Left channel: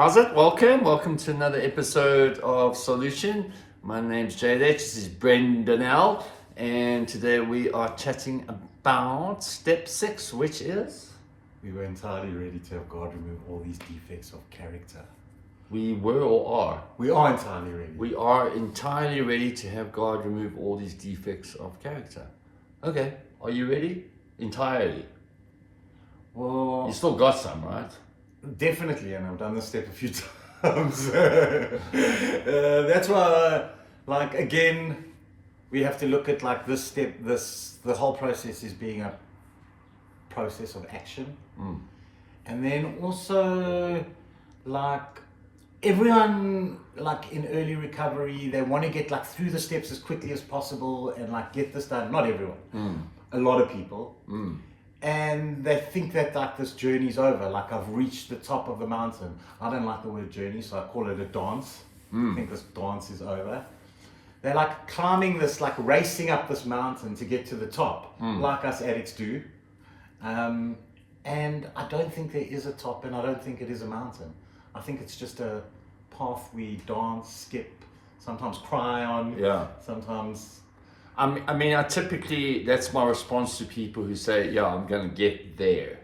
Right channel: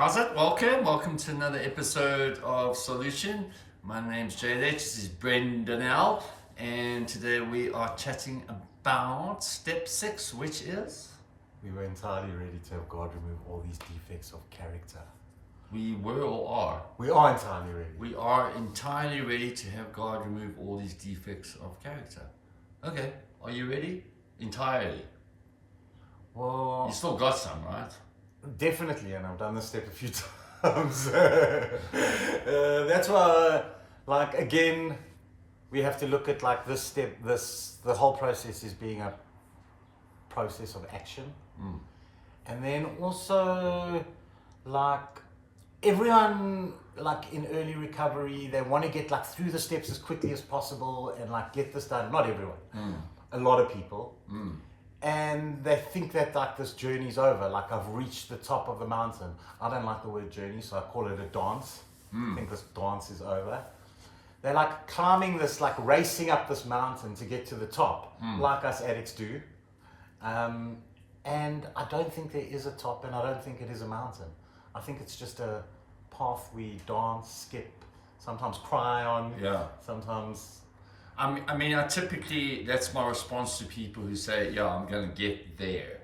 How's it? Welcome to another episode of Solution. My name's Jade H, this is Brendon L, and today we are chatting about step 6, which is? We were entirely ready to have God remove all these defects of character. We were or are? We are entirely ready. We are entirely ready to have God remove all these defects of character. Okay, are you ready? Entirely. Well, You still got some, right? definitely, and I've done this step a few times. That's why, again, we have to look at this step, the whole process is being a process of action. And then also, everyone, in early recovery, they want to get, through the steps as quickly as possible and, get this done. Not everyone. A lot of people. And they think that this journey's over, I've reached the top of the mountain. I don't like the word journey, so I call it a dance. I think this dance is over. They're climbing this, racing up this mountain to get to the top, like us addicts do. And I don't think there is a top, and I don't think it is a mountain. I think it's just a path we dance, skip, sometimes cry on, sometimes... I typically, that's my response to people who say, yeah, I'm going to get there.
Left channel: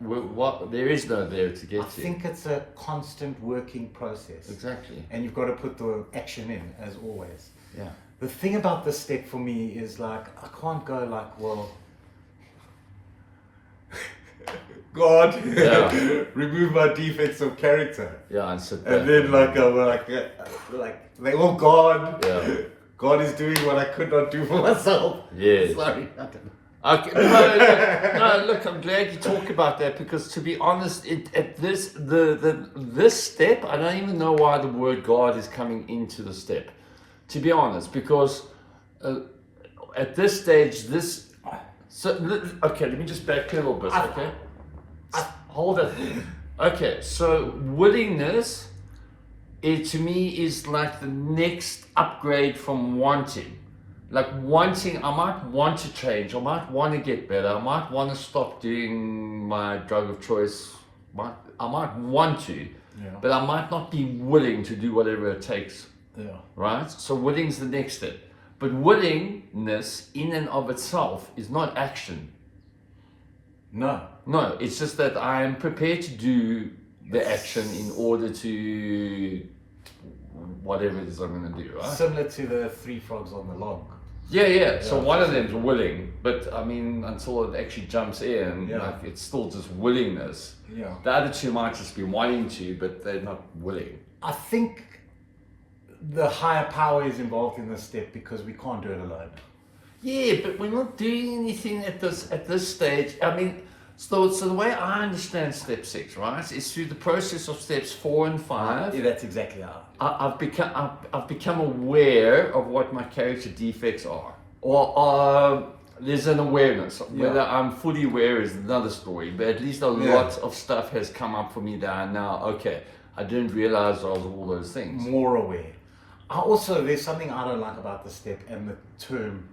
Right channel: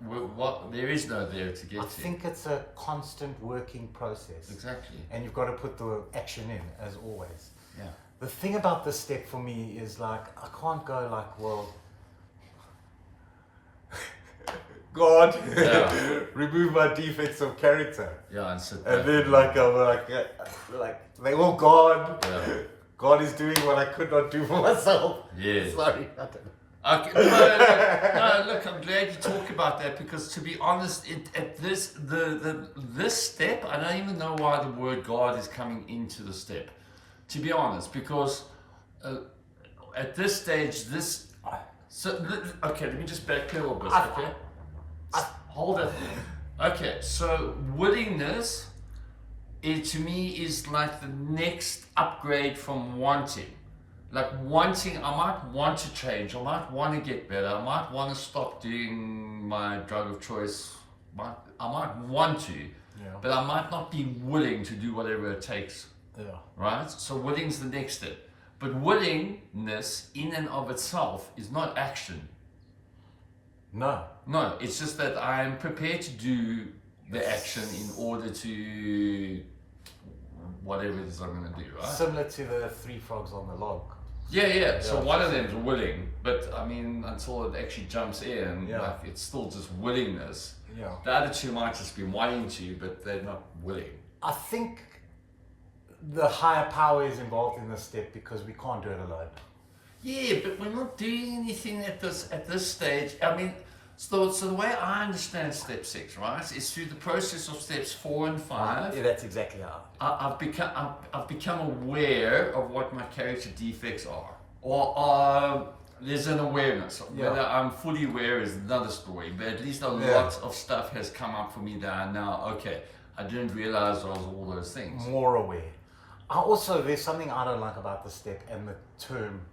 What? There is no there to get to. I think it's a constant working process. Exactly. And you've got to put the action in, as always. Yeah. The thing about this step for me is I can't go well, God, remove my defects of character. Yeah, and sit back. And then they all gone. Yeah. God is doing what I could not do for myself. Yes. Sorry, I don't know. Okay. No, look, I'm glad you talk about that, because to be honest, at this step, I don't even know why the word God is coming into the step. To be honest, because at this stage, okay, let me just backpedal a bit, okay? Hold it. Okay, so willingness, to me, is the next upgrade from wanting. Wanting, I might want to change, I might want to get better, I might want to stop doing my drug of choice, I might want to, but I might not be willing to do whatever it takes. Right? So willing is the next step. But willingness in and of itself is not action. No, it's just that I am prepared to do the action in order to whatever it is I'm going to do, right? Similar to the 3 frogs on the log. Yeah. So one of them's willing, but until it actually jumps in, it's still just willingness. Yeah. The other two might just be wanting to, but they're not willing. I think the higher power is involved in this step because we can't do it alone. Yeah, but we're not doing anything at this stage. So the way I understand step 6, right, is through the process of steps 4 and 5. Yeah, that's exactly how. I've become aware of what my character defects are, or there's an awareness. Whether I'm fully aware is another story, but at least a lot of stuff has come up for me that I now, I didn't realize I was all those things. More aware. There's something I don't like about the step and the term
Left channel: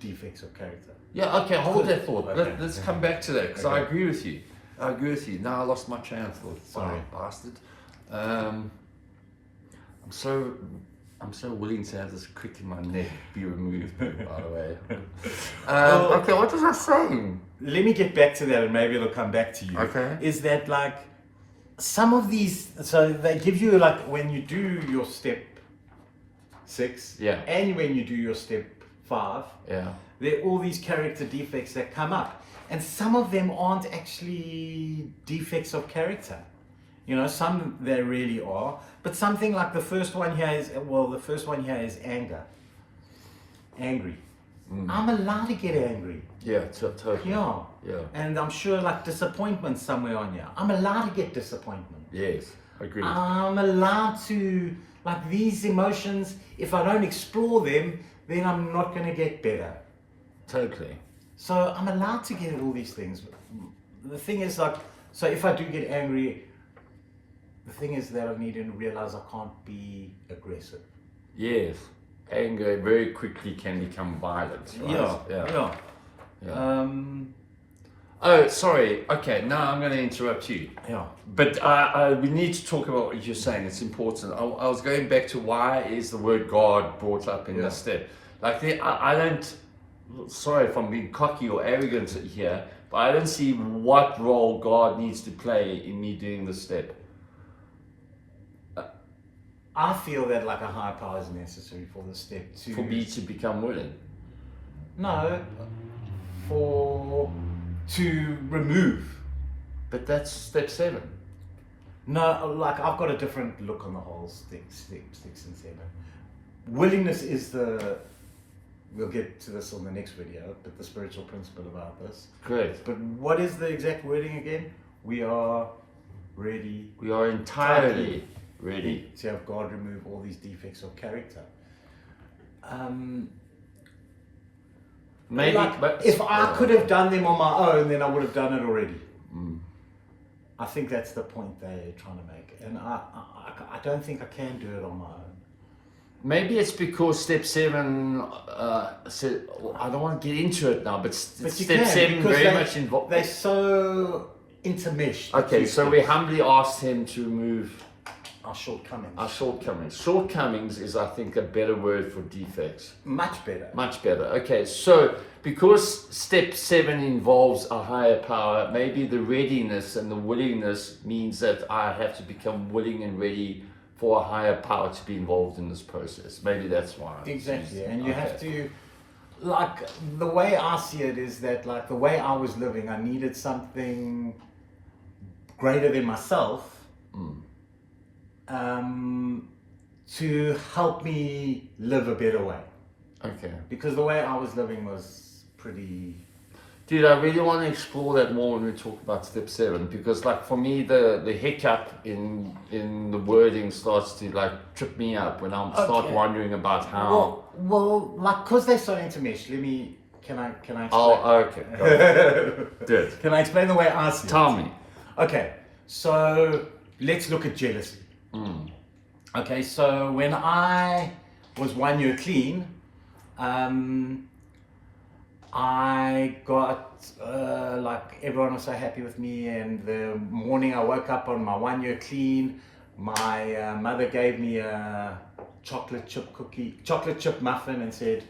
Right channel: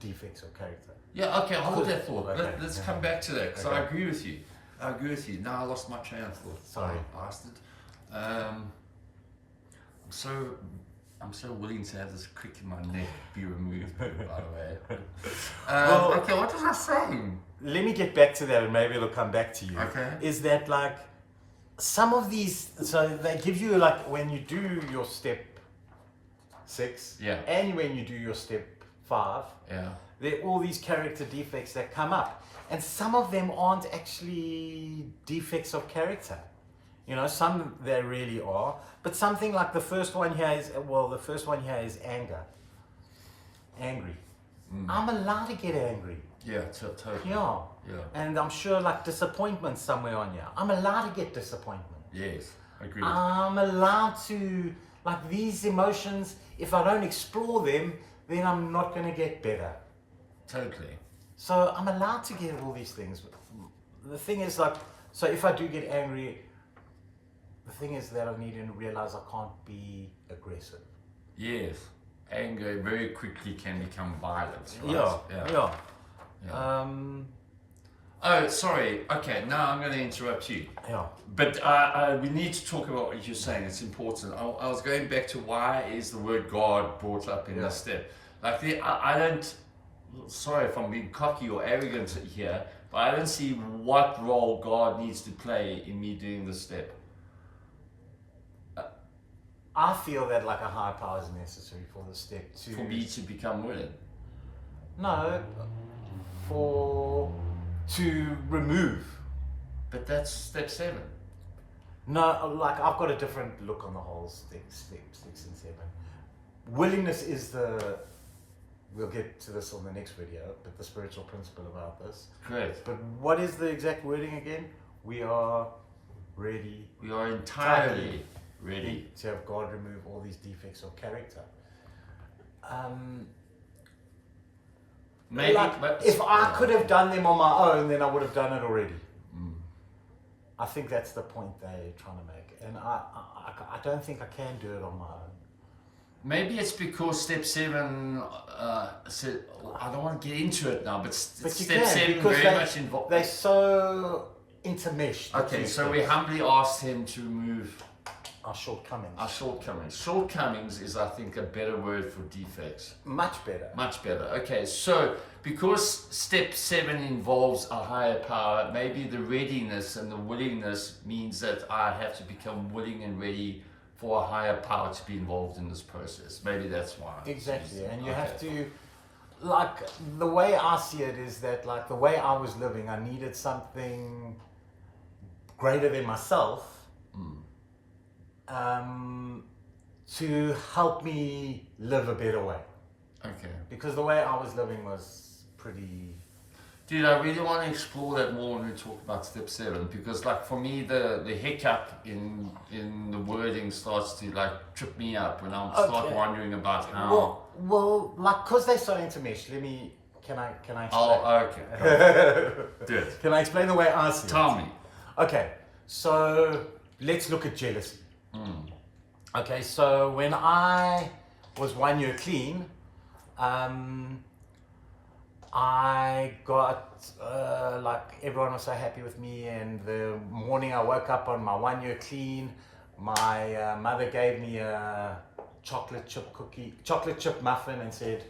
defects of character. Yeah, okay, hold that thought. Okay. Let's come back to that, because I agree with you. Now I lost my train of thought. Sorry. Bastard. I'm so willing to have this crick in my neck be removed, by the way. Okay, what was I saying? Let me get back to that and maybe it'll come back to you. Okay. Is that some of these, so they give you when you do your step 6 and when you do your step 5, there are all these character defects that come up, and some of them aren't actually defects of character. Some there really are, but something like the first one here is anger. Angry. I'm allowed to get angry. Yeah, totally. Yeah. And I'm sure disappointment somewhere on here. I'm allowed to get disappointment. Yes, agreed. I'm allowed to, these emotions, if I don't explore them, then I'm not going to get better. Totally. So I'm allowed to get all these things. The thing is so if I do get angry, the thing is that I need to realize I can't be aggressive. Yes. Anger very quickly can become violence, right? Yeah. Oh, sorry. Okay, now I'm going to interrupt you. Yeah. But we need to talk about what you're saying. It's important. I was going back to why is the word God brought up in this step. Like, I don't, sorry if I'm being cocky or arrogant here, but I don't see what role God needs to play in me doing this step. I feel that like a higher power is necessary for the step For me to become willing. No, to remove. But that's step 7. No, like I've got a different look on the whole step 6 and 7. Willingness is we'll get to this on the next video, but the spiritual principle about this. Great. But what is the exact wording again? We are ready. We are entirely ready to have God remove all these defects of character. Maybe, like, but if I could have done them on my own, then I would have done it already. I think that's the point they're trying to make, and I don't think I can do it on my own. Maybe it's because step 7. I don't want to get into it now, but step 7 very much involved. They're so intermeshed. Okay, so we humbly asked him to remove our shortcomings. Our shortcomings. Shortcomings is, I think, a better word for defects. Much better. Much better. Okay, so because step 7 involves a higher power, maybe the readiness and the willingness means that I have to become willing and ready for a higher power to be involved in this process. Maybe that's why. Exactly, and you have to, like, the way I see it is that, like, the way I was living, I needed something greater than myself. To help me live a better way. Okay. Because the way I was living was pretty... Dude, I really want to explore that more when we talk about step 7, because like for me the hiccup in the wording starts to like trip me up when I start wondering about how... Well, like, because they're so intermeshed, can I explain? Oh, okay. Good. Can I explain the way I see it? Tell me. Okay, so let's look at jealousy. Okay, so when I was 1 year clean, I got, like, everyone was so happy with me, and the morning I woke up on my 1 year clean, my mother gave me a chocolate chip muffin and said,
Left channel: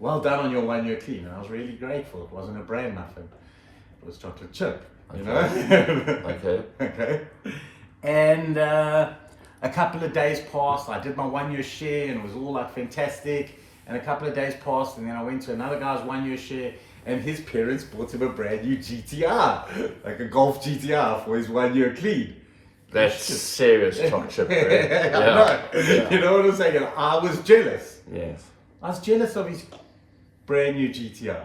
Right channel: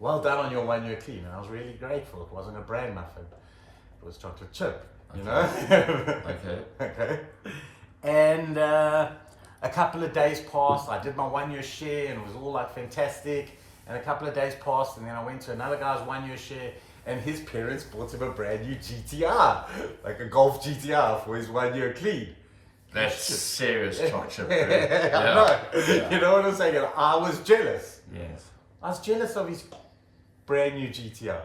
well done on your 1 year clean. And I was really grateful. It wasn't a bran muffin, it was chocolate chip, you know? Okay. And a couple of days passed, I did my 1 year share and it was all like fantastic. And a couple of days passed, and then I went to another guy's 1 year share, and his parents bought him a brand new GTR, like a Golf GTR for his 1 year clean. That's serious chocolate, right? I know. Yeah. You know what I'm saying? And I was jealous. Yes. I was jealous of his brand new GTR.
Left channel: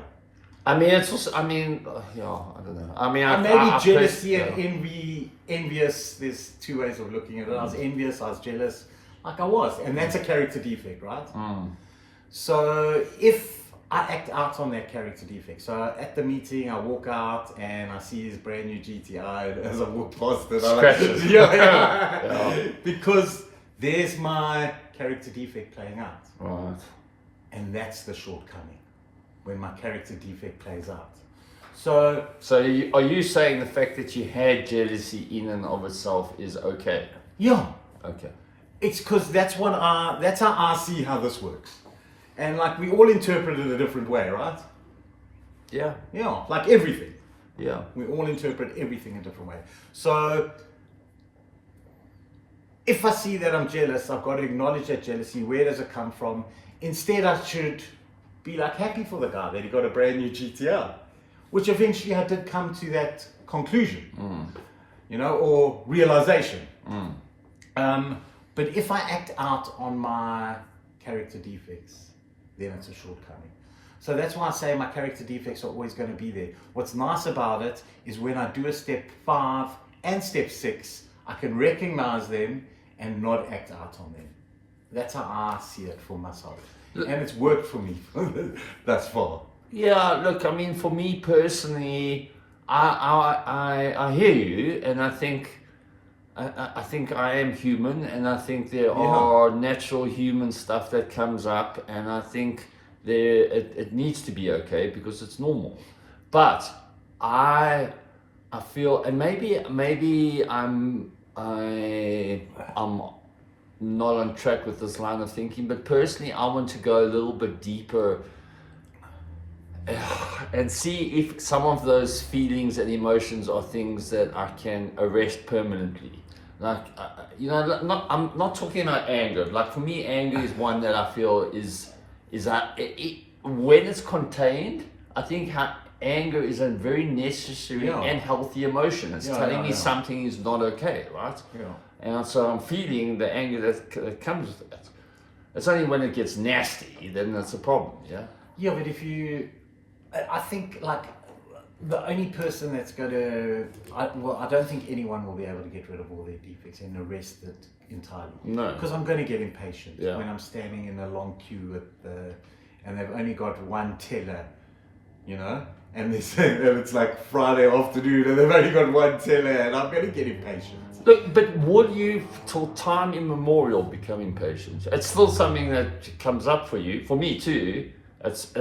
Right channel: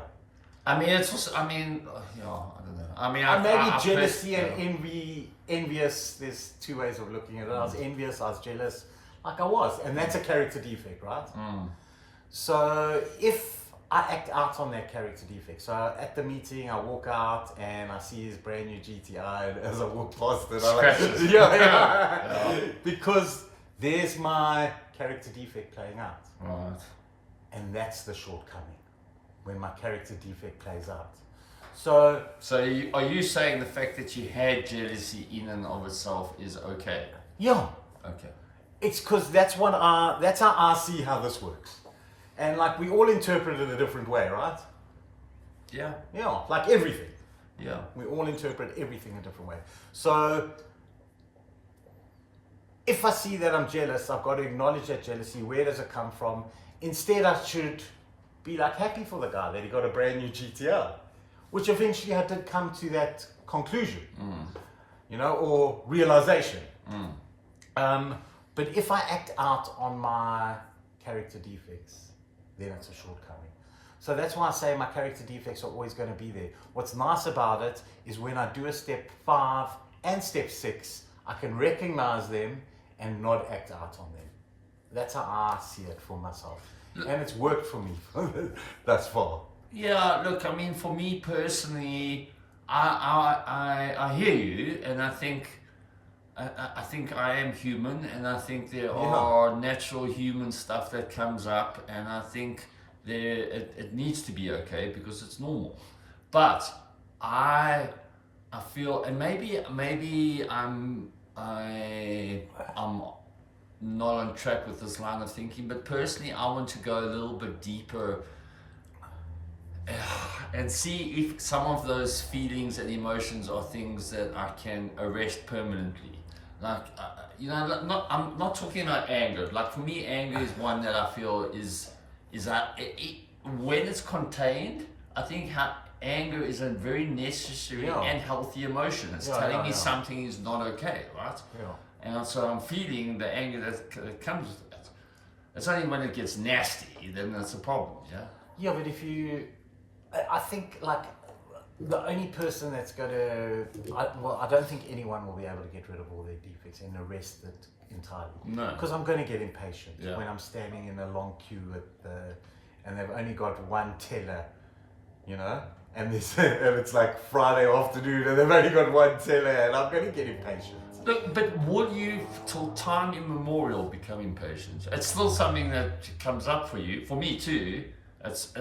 I mean, it's also, I don't know. I mean, maybe jealousy and envious, there's two ways of looking at it. I was envious, I was jealous, like I was. And that's a character defect, right? So if I act out on that character defect, so at the meeting I walk out and I see his brand new GTI, and as I walk past it, I'm like, yeah. Because there's my character defect playing out. Right. And that's the shortcoming, when my character defect plays out. So are you saying the fact that you had jealousy in and of itself is okay? Yeah. Okay. It's because that's how I see how this works. And like we all interpret it a different way, right? Yeah. Yeah, like everything. Yeah. We all interpret everything a different way. So if I see that I'm jealous, I've got to acknowledge that jealousy. Where does it come from? Instead, I should be like happy for the guy that he got a brand new GTR, which eventually I did come to that conclusion, you know, or realization. But if I act out on my character defects, then it's a shortcoming. So that's why I say my character defects are always going to be there. What's nice about it is when I do a step 5 and step 6, I can recognize them and not act out on them. That's how I see it for myself. And it's worked for me thus far. Yeah, look, I mean, for me personally, I hear you, and I think I am human, and I think there are natural human stuff that comes up, and I think it needs to be okay because it's normal. But I feel, and maybe I'm not on track with this line of thinking, but personally I want to go a little bit deeper and see if some of those feelings and emotions are things that I can arrest permanently. Like, I'm not talking about anger. Like for me, anger is one that I feel is when it's contained, I think anger is a very necessary and healthy emotion. It's telling me something is not okay, right? Yeah. And so I'm feeling the anger that comes with that. It's only when it gets nasty, then that's a problem, yeah? Yeah, but I think like the only person that's going to, I don't think anyone will be able to get rid of all their defects and arrest it entirely. No. Because I'm going to get impatient Yeah. when I'm standing in a long queue and they've only got one teller, and it's like Friday afternoon and they've only got one teller and I'm going to get impatient. Look, but will you, till time immemorial, become impatient? It's still something that comes up for you. For me too. It's.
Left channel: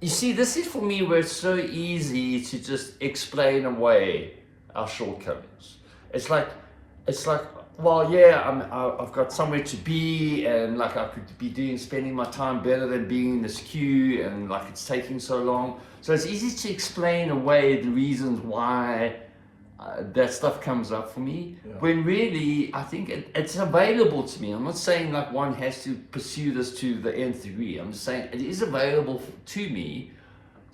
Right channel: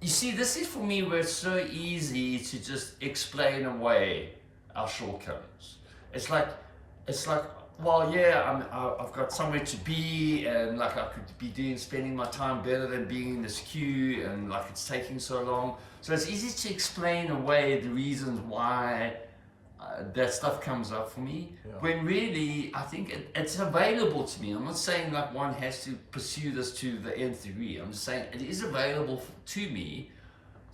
You see, this is for me where it's so easy to just explain away our shortcomings. It's like, well, yeah, I've got somewhere to be, and like I could be spending my time better than being in this queue, and like it's taking so long. So it's easy to explain away the reasons why that stuff comes up for me, when really I think it's available to me. I'm not saying like one has to pursue this to the nth degree. I'm just saying it is available to me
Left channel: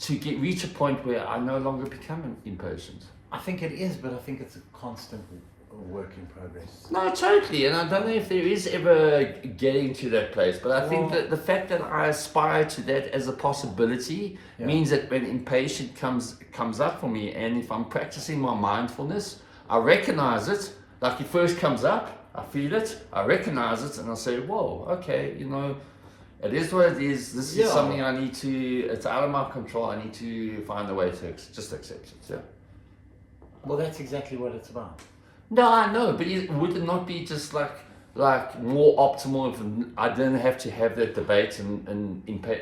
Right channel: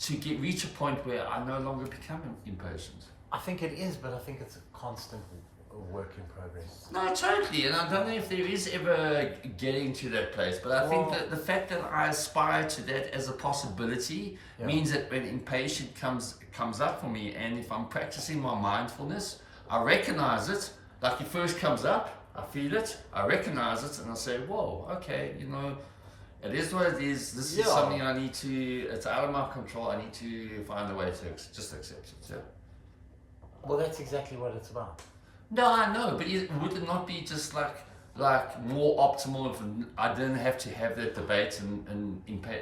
to reach a point where I no longer become impatient. I think it is, but I think it's a constant work in progress. No, totally, and I don't know if there is ever getting to that place, but I think that the fact that I aspire to that as a possibility means that when impatient comes up for me, and if I'm practicing my mindfulness, I recognize it. Like it first comes up, I feel it, I recognize it, and I say, whoa, okay, it is what it is. This is something I need to, it's out of my control. I need to find a way to just accept it. Yeah. Well, that's exactly what it's about. No, I know, but would it not be just like more optimal if I didn't have to have that debate and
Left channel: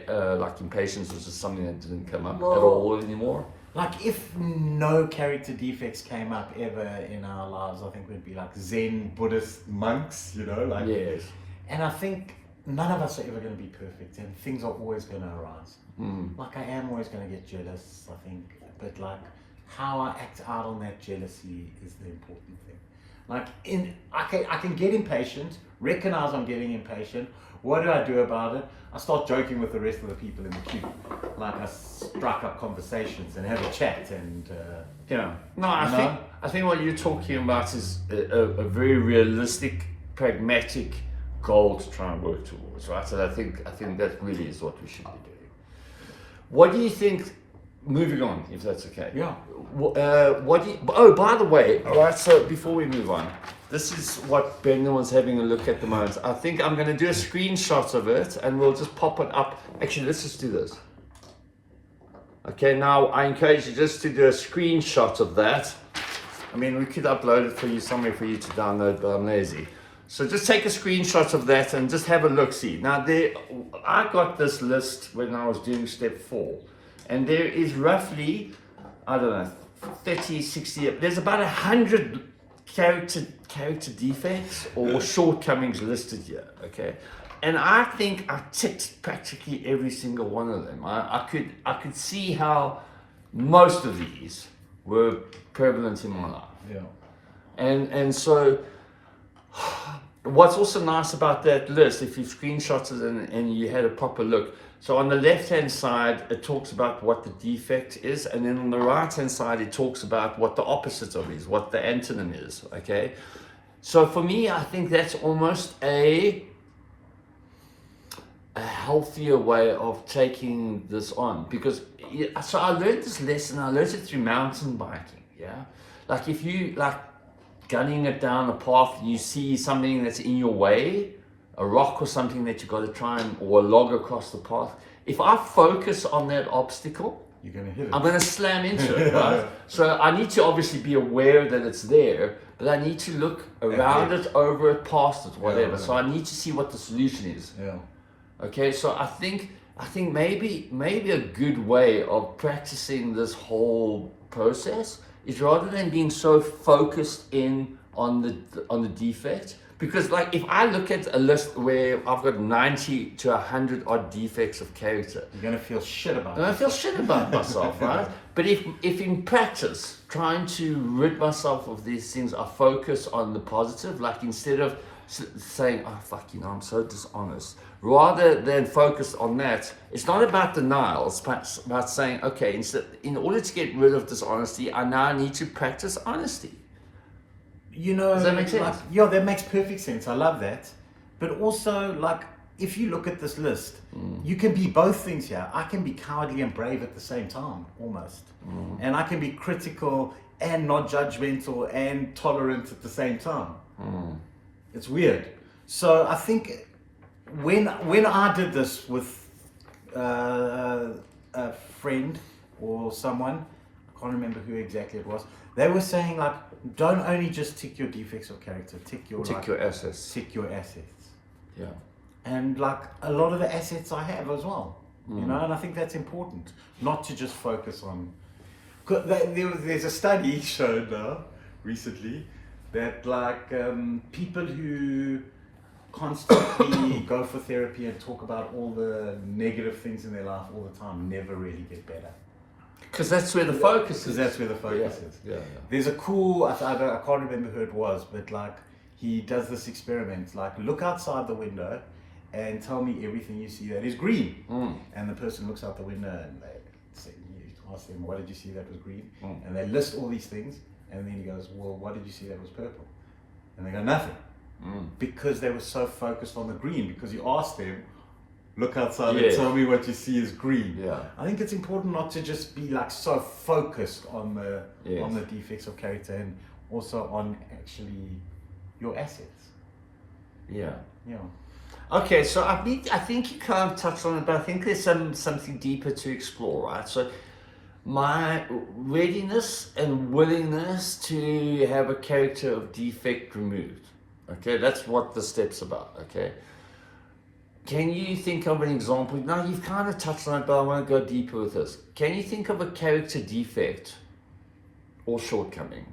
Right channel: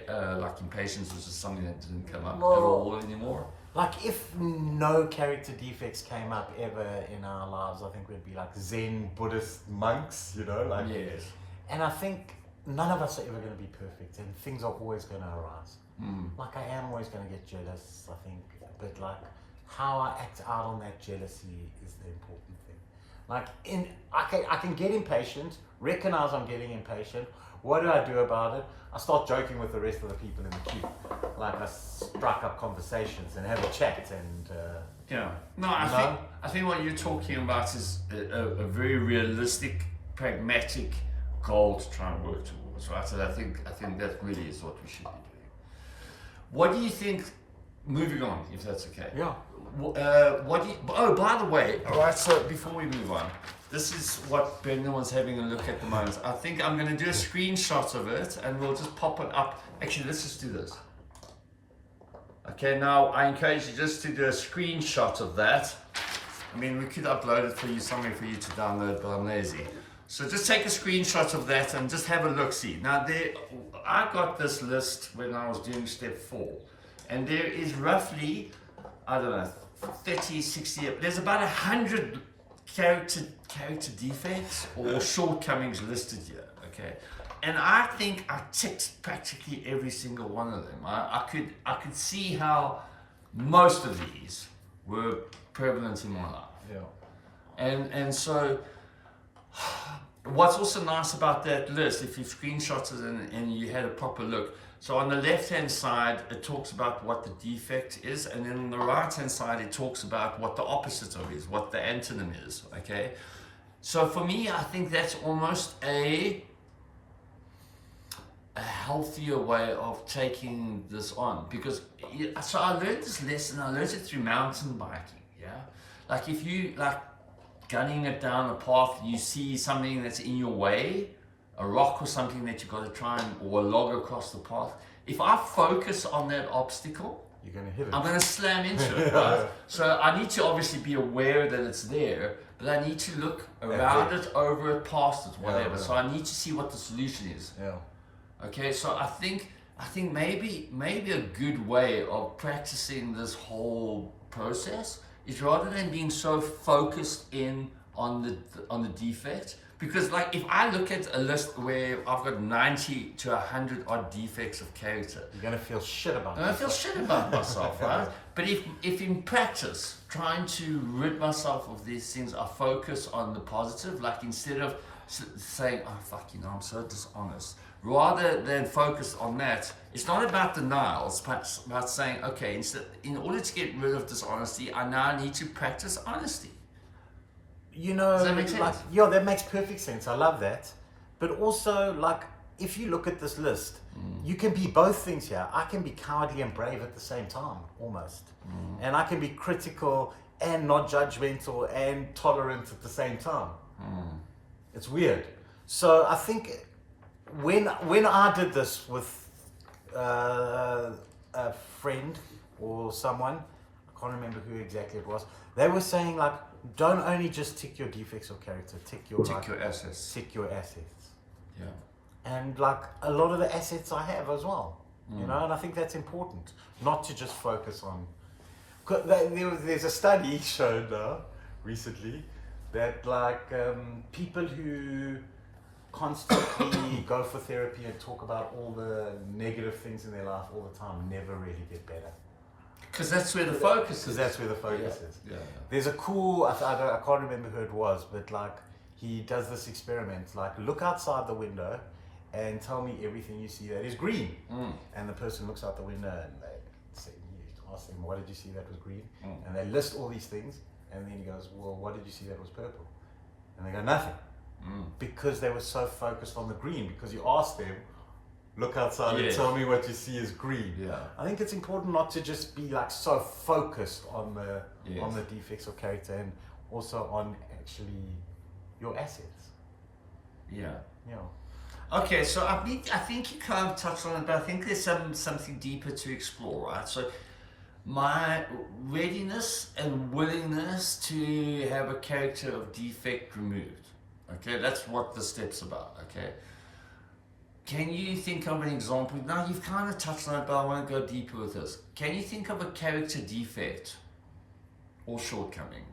like impatience was just something that didn't come up at all anymore? Like if no character defects came up ever in our lives, I think we'd be like Zen Buddhist monks, Yes. And I think none of us are ever going to be perfect, and things are always going to arise. Like I am always going to get jealous, I think, but like how I act out on that jealousy is the important thing. Like I can get impatient, recognize I'm getting impatient. What do I do about it? I start joking with the rest of the people in the queue. Like I strike up conversations and have a chat and I think what you're talking about is a very realistic, pragmatic goal to try and work towards, right? So I think that really is what we should be doing. What do you think? Moving on, if that's okay. Yeah. By the way, all right, so before we move on, this is what Brendon was having a look at the moment. I think I'm going to do a screenshot of it and we'll just pop it up. Actually, let's just do this. Okay, now I encourage you just to do a screenshot of that. I mean, we could upload it for you somewhere for you to download, but I'm lazy. So just take a screenshot of that and just have a look-see. Now, I got this list when I was doing step 4. And there is roughly, I don't know, 30, 60, there's about 100 character defects or shortcomings listed here, okay? And I think I ticked practically every single one of them. I could see how most of these were prevalent in my life. Yeah. And so what's also nice about that list, if you screenshot it and you had a proper look, so on the left-hand side, it talks about what the defect is, and then on the right-hand side, it talks about what the opposite of it is, what the antonym is, okay? So for me, I think that's almost a healthier way of taking this on, because, so I learned this lesson, I learned it through mountain biking, yeah? Like if you, gunning it down a path, you see something that's in your way, a rock or something that you got to try or a log across the path. If I focus on that obstacle, you're going to hit it. I'm going to slam into it, right? So I need to obviously be aware that it's there, but I need to look around it, over it, past it, whatever. So I need to see what the solution is. Yeah. Okay, so I think I think maybe a good way of practicing this whole process is rather than being so focused in on the defect, because like if I look at a list where I've got 90 to 100 odd defects of character, You're gonna feel shit about and I feel shit about myself, right? But if in practice, trying to rid myself of these things, I focus on the positive, like instead of saying, oh fuck, you know, I'm so dishonest, rather than focus on that, it's not about denial, it's about saying, okay, in order to get rid of dishonesty, I now need to practice honesty. You know, Does that make sense? like, yeah, that makes perfect sense. I love that. But also, like, if you look at this list, you can be both things here. I can be cowardly and brave at the same time, almost. And I can be critical and not judgmental and tolerant at the same time. It's weird. So I think when I did this with a friend or someone, I can't remember who exactly it was, they were saying, like, don't only just tick your defects of character, tick your assets. Tick your assets. Yeah. And like a lot of the assets I have as well, you know, and I think that's important, not to just focus on. There's a study shown now recently that like people who constantly go for therapy and talk about all the negative things in their life all the time never really get better. Because that's where the focus is. Because that's where the focus is. Yeah. There's a cool, I can't remember who it was, but like he does this experiment, like look outside the window and tell me everything you see that is green. And the person looks out the window and they say, you ask them, what did you see that was green? And they list all these things. And then he goes, well, what did you see that was purple? And they go, nothing. Because they were so focused on the green, because he asked them, look outside and tell me what you see is green. Yeah. I think it's important not to just be like so focused on the defects of character and also on actually your assets. Yeah. Okay, so I think you kind of touched on it, but I think there's something deeper to explore, right? So my readiness and willingness to have a character of defect removed. Okay, that's what the step's about. Okay. Can you think of an example? Now you've kind of touched on it, but I want to go deeper with this. Can you think of a character defect or shortcoming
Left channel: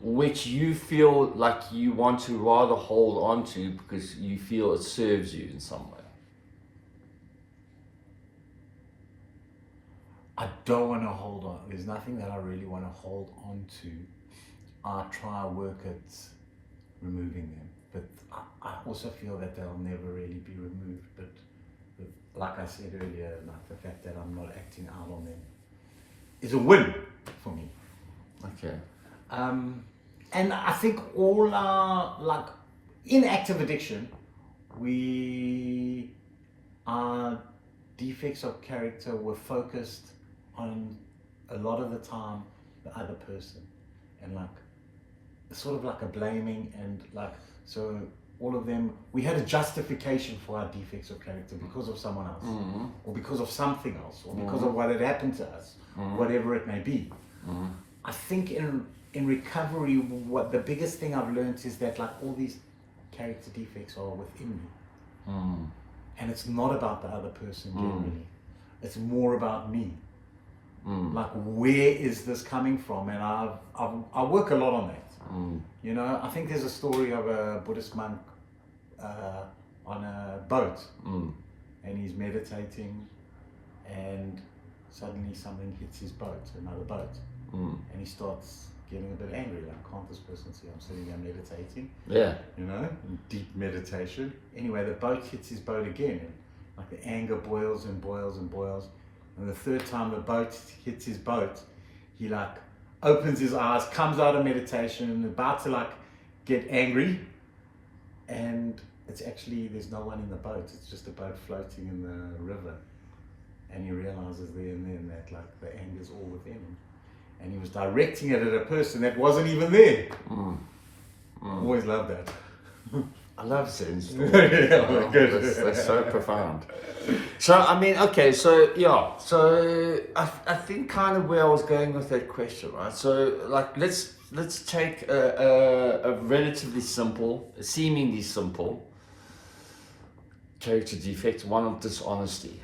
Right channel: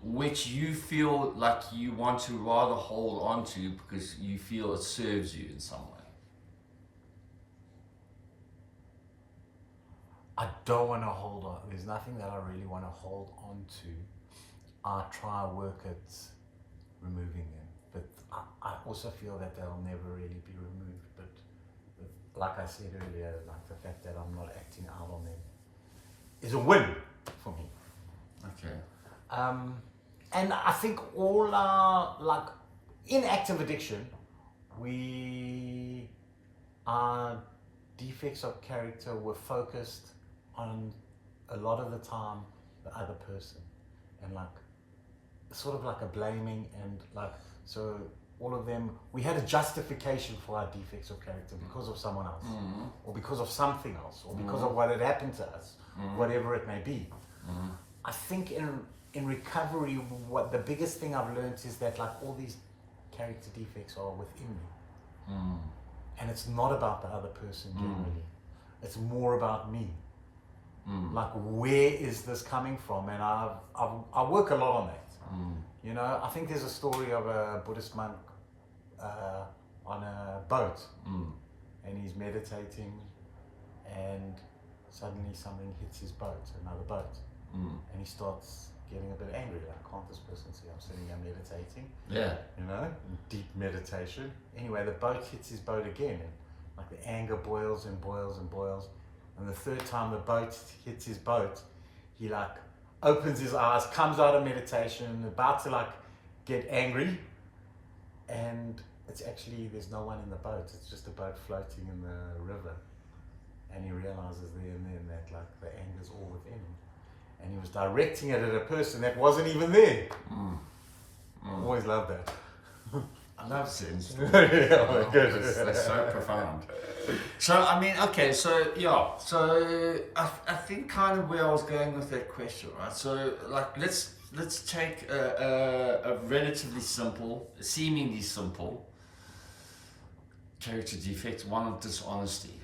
which you feel like you want to rather hold on to because you feel it serves you in some way? I don't want to hold on. There's nothing that I really want to hold on to. I try to work at removing them. But I also feel that they'll never really be removed. But like I said earlier, like the fact that I'm not acting out on them is a win for me. Okay. And I think all our, like, in active addiction, our defects of character were focused on a lot of the time the other person, and like sort of like a blaming and like. So all of them, we had a justification for our defects of character because of someone else, or because of something else, or because of what had happened to us, whatever it may be. I think in recovery, what the biggest thing I've learned is that like all these character defects are within me, and it's not about the other person generally. It's more about me. Like, where is this coming from? And I work a lot on that. You know, I think there's a story of a Buddhist monk on a boat, and he's meditating, and suddenly something hits his boat, another boat, and he starts getting a bit angry. Like, can't this person see I'm sitting there meditating? Yeah. You know, in deep meditation. Anyway, the boat hits his boat again, and like the anger boils and boils and boils. And the third time the boat hits his boat, he like opens his eyes, comes out of meditation, about to like get angry, and it's actually, there's no one in the boat, it's just a boat floating in the river. And he realizes there and then that like the anger is all within him, and he was directing it at a person that wasn't even there. Always love that. I love Zen stories. That's so profound. So I mean, okay, so yeah, so I think kind of where I was going with that question, right? So like, let's take a relatively simple, seemingly simple character defect, one of dishonesty.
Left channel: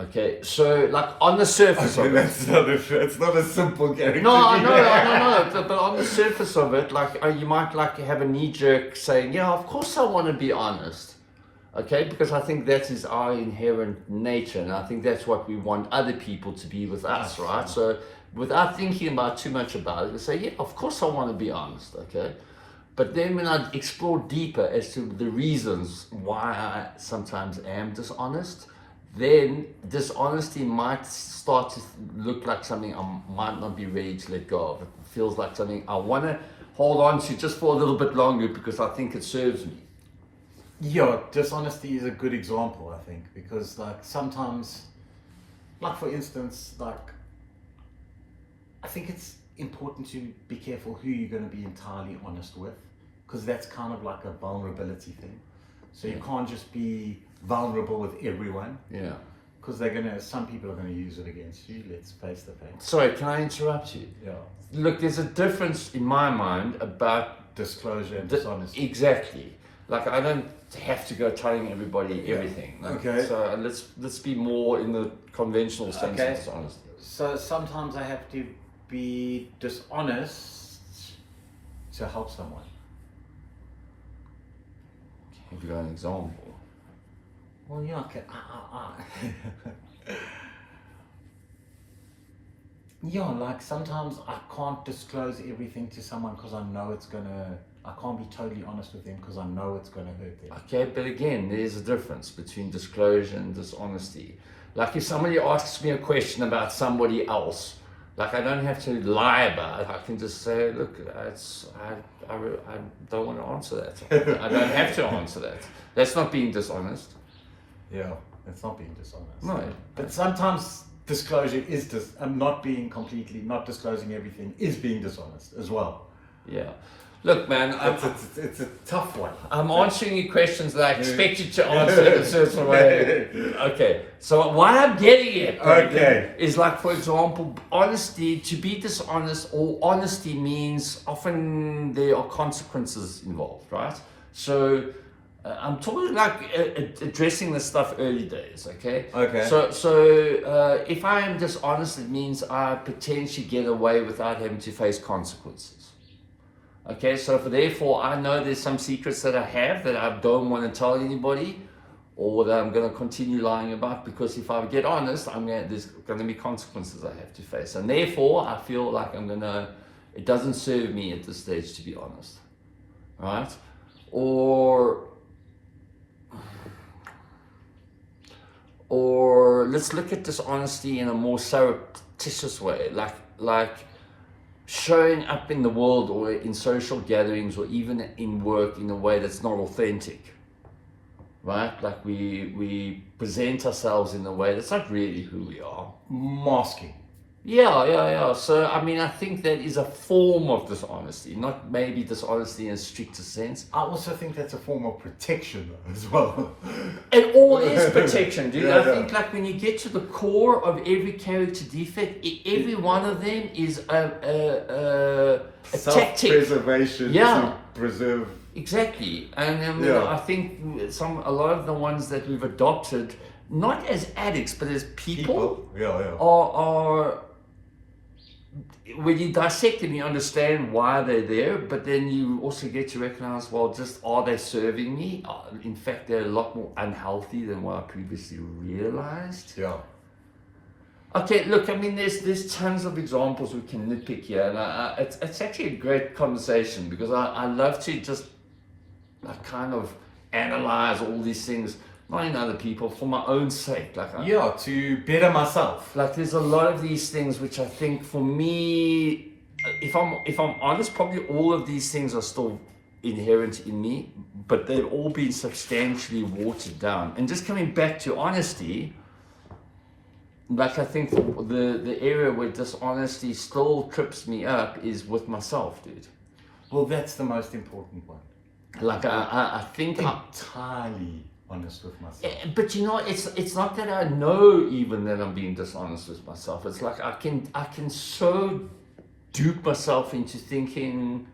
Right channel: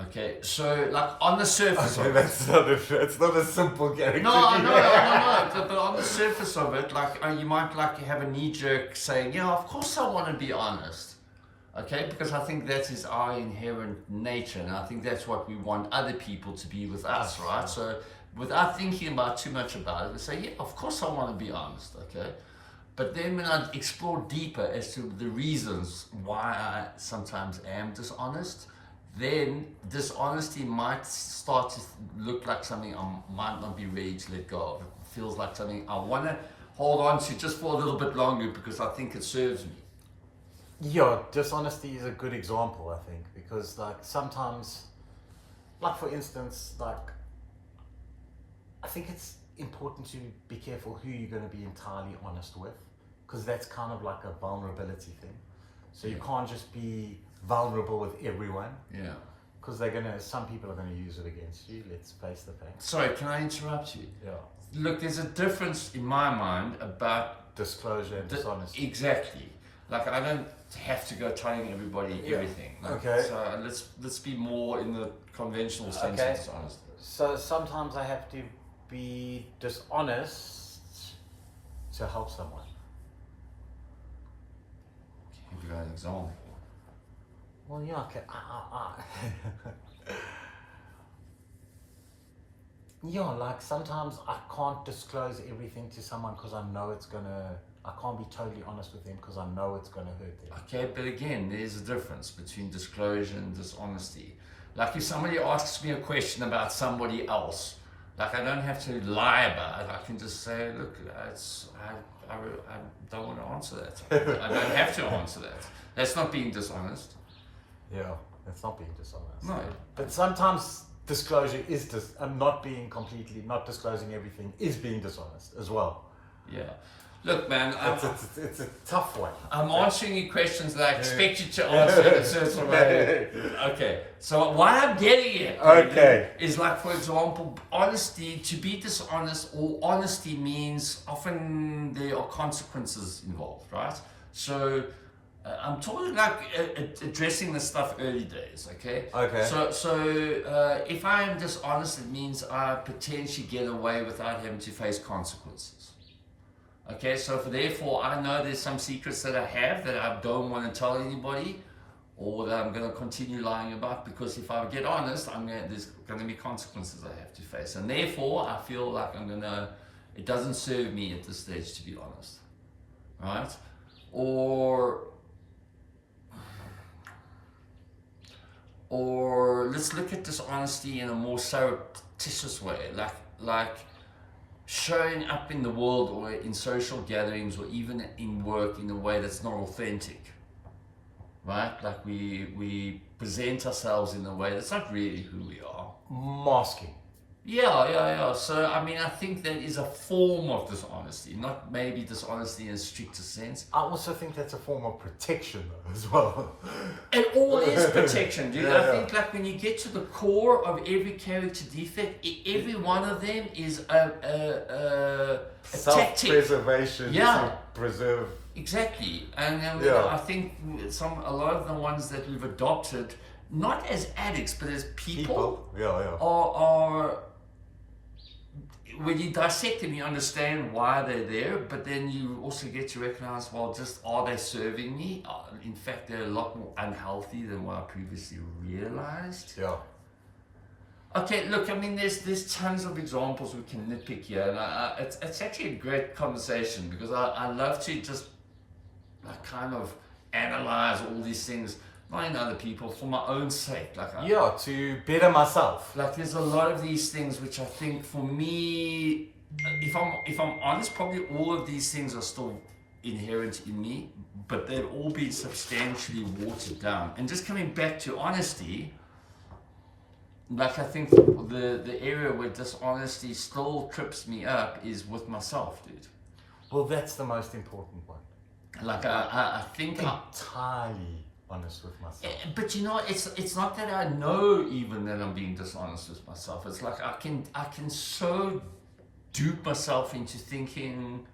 Okay, so like on the surface of it, It's not a simple character. no, I know, but on the surface of it, like you might like have a knee jerk saying, yeah, of course I want to be honest, okay, because I think that is our inherent nature, and I think that's what we want other people to be with us, right? So without thinking about too much about it, we say, yeah, of course I want to be honest, okay. But then when I explore deeper as to the reasons why I sometimes am dishonest, then dishonesty might start to look like something I might not be ready to let go of. It feels like something I want to hold on to just for a little bit longer because I think it serves me. Yeah, dishonesty is a good example, I think, because like sometimes, like for instance, like I think it's important to be careful who you're going to be entirely honest with, because that's kind of like a vulnerability thing. So you can't just be vulnerable with everyone. Yeah. Because some people are gonna use it against you. Let's face the facts. Sorry, can I interrupt you? Yeah. Look, there's a difference in my mind about Disclosure and dishonesty. Exactly. Like I don't have to go telling everybody everything. Like, okay. So let's be more in the conventional sense of dishonesty. So sometimes I have to be dishonest to help someone. Have you got an example? Well, yeah, okay. Yeah, like sometimes I can't disclose everything to someone because I know I can't be totally honest with them because I know it's gonna hurt them. Okay, but again, there's a difference between disclosure and dishonesty. Like if somebody asks me a question about somebody else, like I don't have to lie about it. I can just say, look, I don't want to answer that. I don't have to answer that. That's not being dishonest. Yeah, that's not being dishonest. No. But sometimes disclosure is not disclosing everything is being dishonest as well. Yeah. Look, man, it's a tough one. I'm answering you questions that I expect you to answer in a certain way. Okay, so what I'm getting at is like, for example, honesty, to be dishonest or honesty means often there are consequences involved, right? So I'm talking like addressing this stuff early days, okay? Okay. So if I am dishonest, it means I potentially get away without having to face consequences. Okay, so therefore I know there's some secrets that I have that I don't want to tell anybody, or that I'm going to continue lying about, because if I get honest, there's going to be consequences I have to face, and therefore I feel like it doesn't serve me at this stage to be honest, right? Or let's look at dishonesty in a more surreptitious way, like showing up in the world or in social gatherings or even in work in a way that's not authentic, right? Like we present ourselves in a way that's not really who we are. Masking. Yeah. So, I mean, I think that is a form of dishonesty, not maybe dishonesty in a stricter sense. I also think that's a form of protection as well. It all is protection, dude. I think like when you get to the core of every character defect, every one of them is a tactic. Self-preservation to preserve. Exactly. And I think a lot of the ones that we've adopted, not as addicts, but as people. Are when you dissect them, you understand why they're there, but then you also get to recognize, well, just are they serving me? In fact, they're a lot more unhealthy than what I previously realized. Yeah. Okay, look, I mean, there's tons of examples we can nitpick here, and it's actually a great conversation, because I love to just kind of analyze all these things, not in other people, for my own sake. To better myself. Like there's a lot of these things which I think for me, if I'm honest, probably all of these things are still inherent in me, but they've all been substantially watered down. And just coming back to honesty, like I think the area where dishonesty still trips me up is with myself, dude. Well, that's the most important one. Like I think entirely honest with myself. But it's not that I know even that I'm being dishonest with myself. It's like I can so dupe myself into thinking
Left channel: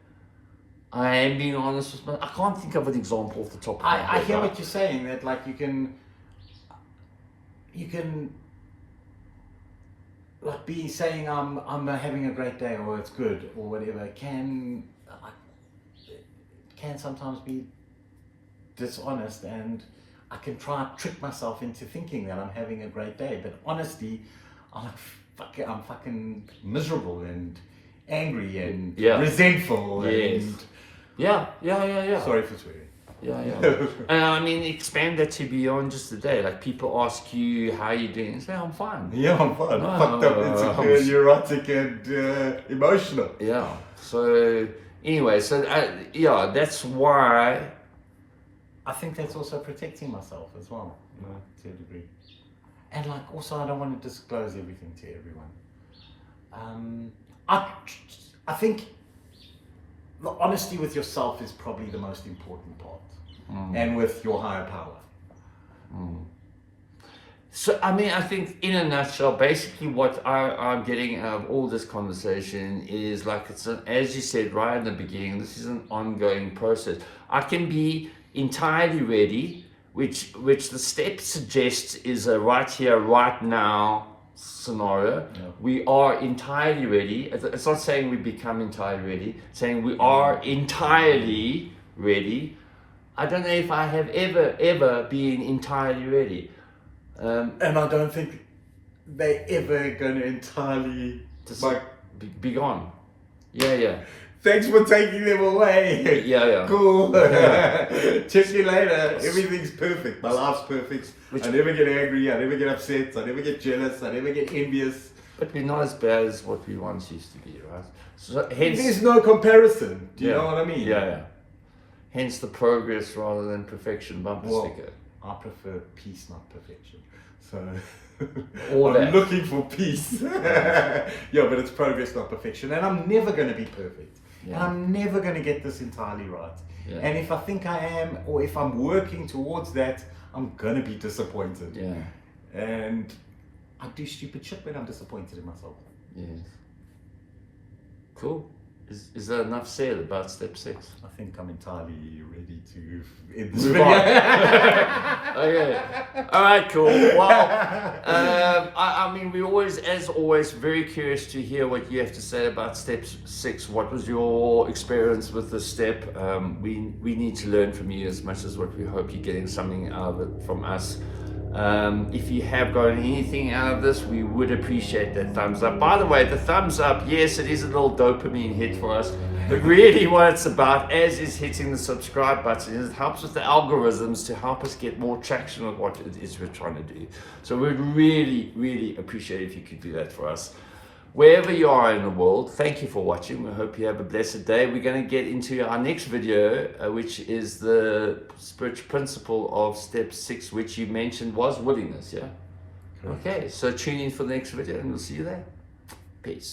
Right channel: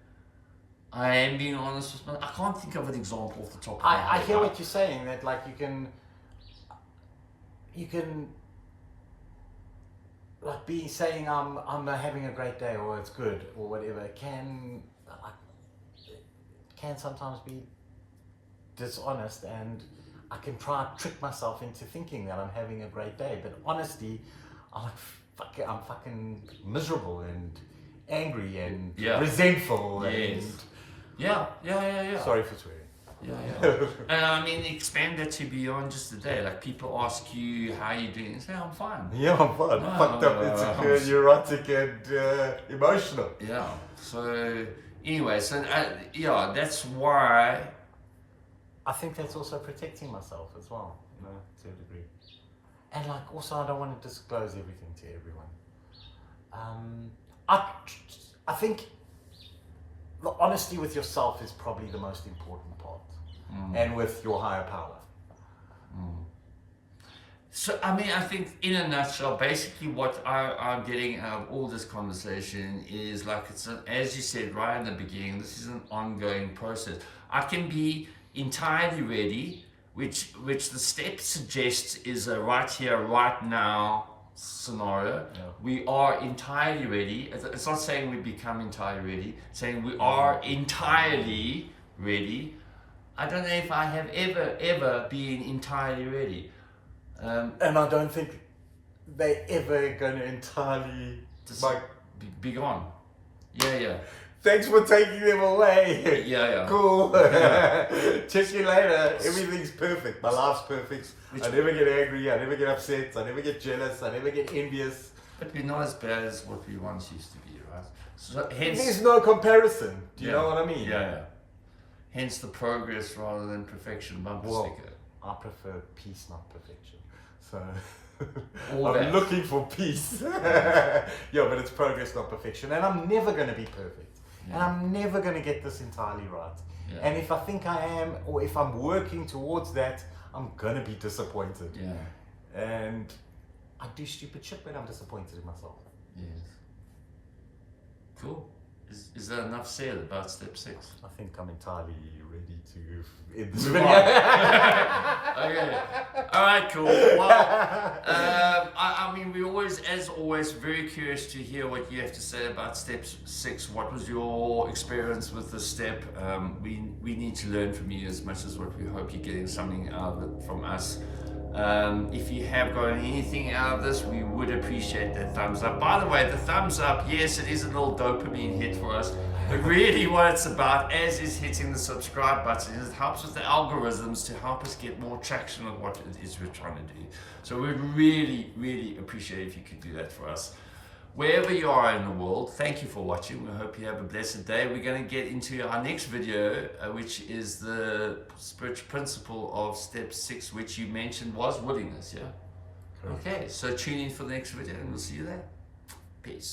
I am being honest with myself. I can't think of an example off the top of my head. I hear what you're saying, that like you can like saying I'm having a great day or it's good or whatever can sometimes be dishonest, and I can try and trick myself into thinking that I'm having a great day, but honestly I'm fucking miserable and angry and resentful. Yes. And Yeah. sorry for swearing. Yeah. And I mean, expand that to beyond just the day. Like people ask you how you doing, and say I'm fine. Yeah, I'm fine. Fucked up, insecure, neurotic, and emotional. Yeah. So anyway, so that's why I think that's also protecting myself as well, to a degree. And like, also, I don't want to disclose everything to everyone. I think the honesty with yourself is probably the most important part, and with your higher power. So, I mean, I think in a nutshell, basically what I'm getting out of all this conversation is like, as you said right in the beginning, this is an ongoing process. I can be entirely ready, which the step suggests is a right here, right now scenario. Yeah. We are entirely ready. It's not saying we become entirely ready, it's saying we are entirely ready. I don't know if I have ever been entirely ready. And I don't think they're ever going to entirely be gone. Yeah. Thanks for taking them away. Yeah. Cool. Check you later. Everything's perfect. My life's perfect. I never get angry. I never get upset. I never get jealous. I never get envious. But we're not as bad as what we once used to be, right? So hence, there's no comparison. Do you know what I mean? Yeah. Hence the progress rather than perfection bumper sticker. I prefer peace, not perfection. So I'm looking for peace. Yeah, but it's progress, not perfection. And I'm never going to be perfect. Yeah. And I'm never going to get this entirely right. Yeah. And if I think I am, or if I'm working towards that, I'm going to be disappointed. Yeah. And I do stupid shit when I'm disappointed in myself. Yes. Cool. Is that enough said about step 6? I think I'm entirely ready to end this Move video. on. Okay. All right, cool. Well, I mean, we always, as always, very curious to hear what you have to say about step 6. What was your experience with this step? We need to learn from you as much as what we hope you're getting something out of it from us. If you have gotten anything out of this, we would appreciate that thumbs up. By the way, the thumbs up, yes, it is a little dopamine hit for us, but really what it's about, as is hitting the subscribe button, is it helps with the algorithms to help us get more traction with what it is we're trying to do. So we'd really appreciate if you could do that for us. Wherever you are in the world, thank you for watching. We hope you have a blessed day. We're going to get into our next video, which is the spiritual principle of step 6, which you mentioned was willingness, yeah? Okay, so tune in for the next video and we'll see you there. Peace.